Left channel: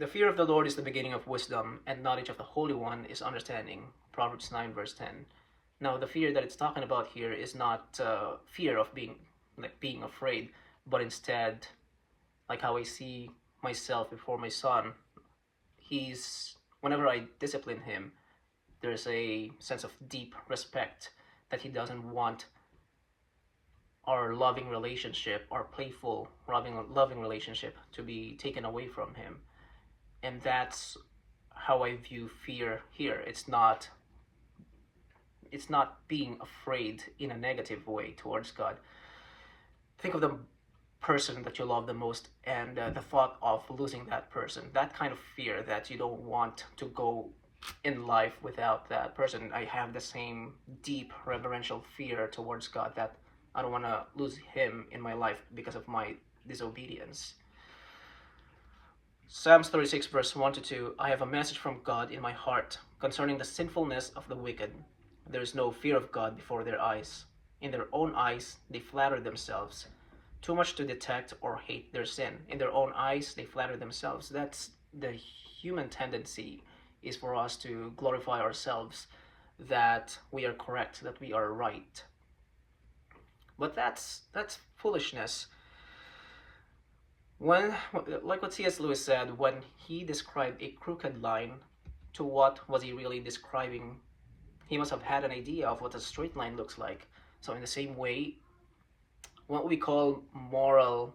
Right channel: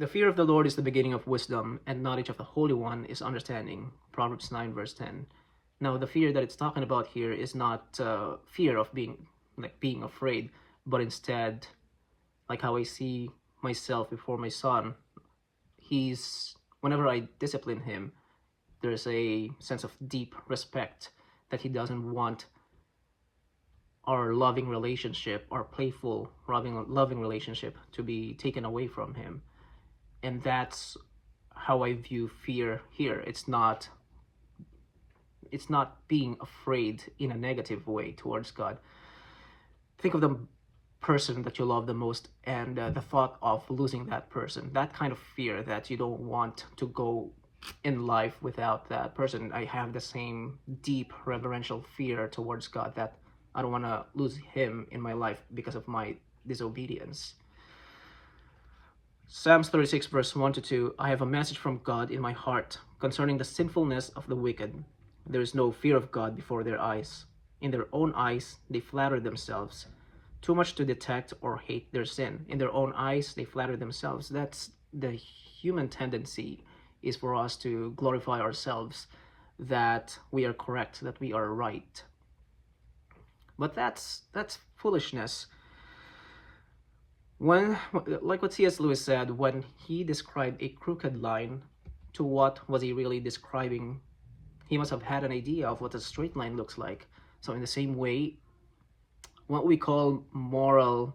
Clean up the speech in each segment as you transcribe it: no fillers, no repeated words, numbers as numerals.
The fear of the Lord is the beginning of wisdom, and knowledge of the Holy One is understanding. Proverbs 9 verse 10. Now, the fear that it's talking about here is not fear of being afraid, but instead, like how I see myself before my son, whenever I discipline him, there's a sense of deep respect that he doesn't want our loving relationship, our playful, loving relationship, to be taken away from him. And that's how I view fear here. It's not being afraid in a negative way towards God. Think of the person that you love the most, and the thought of losing that person, that kind of fear that you don't want to go in life without that person. I have the same deep reverential fear towards God, that I don't want to lose him in my life because of my disobedience. Psalms 36 verse 1-2. I have a message from God in my heart concerning the sinfulness of the wicked. There is no fear of God before their eyes. In their own eyes they flatter themselves, too much to detect or hate their sin. In their own eyes they flatter themselves. That's the human tendency, is for us to glorify ourselves, that we are correct, that we are right. But that's foolishness. When, like what C.S. Lewis said, when he described a crooked line, to what was he really describing? He must have had an idea of what a straight line looks like. So in the same way, what we call moral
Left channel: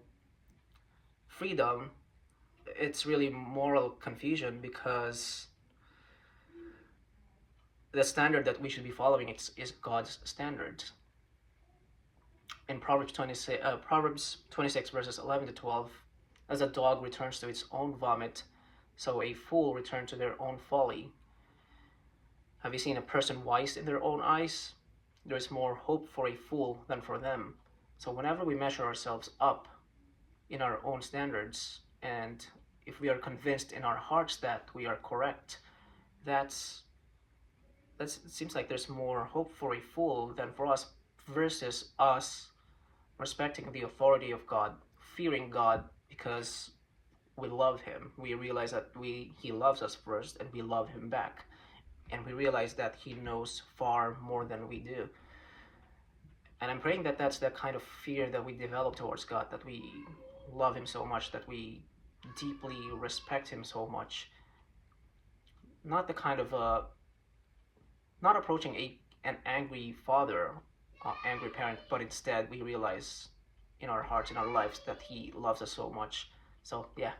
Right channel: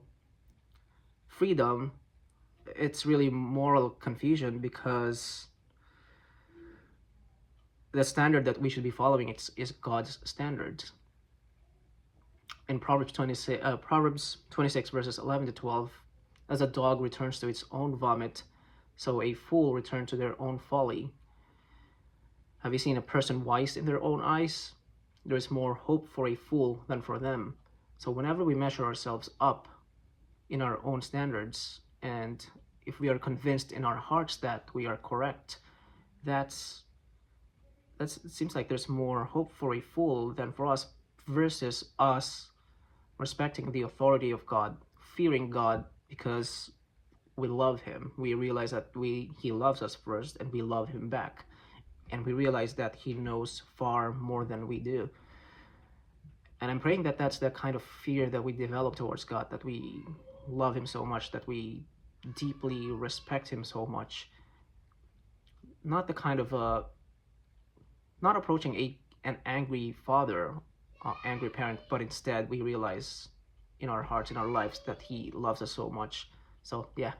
freedom, it's really moral confusion, because the standard that we should be following is God's standard. In Proverbs 26 verses 11-12, as a dog returns to its own vomit, so a fool returns to their own folly. Have you seen a person wise in their own eyes? There is more hope for a fool than for them. So whenever we measure ourselves up in our own standards, and if we are convinced in our hearts that we are correct, it seems like there's more hope for a fool than for us, versus us respecting the authority of God, fearing God because we love him. We realize that he loves us first, and we love him back. And we realize that he knows far more than we do. And I'm praying that that's the kind of fear that we develop towards God, that we love him so much, that we deeply respect him so much. Not the kind of, not approaching an angry father, angry parent, but instead we realize in our hearts, in our lives, that he loves us so much. So yeah,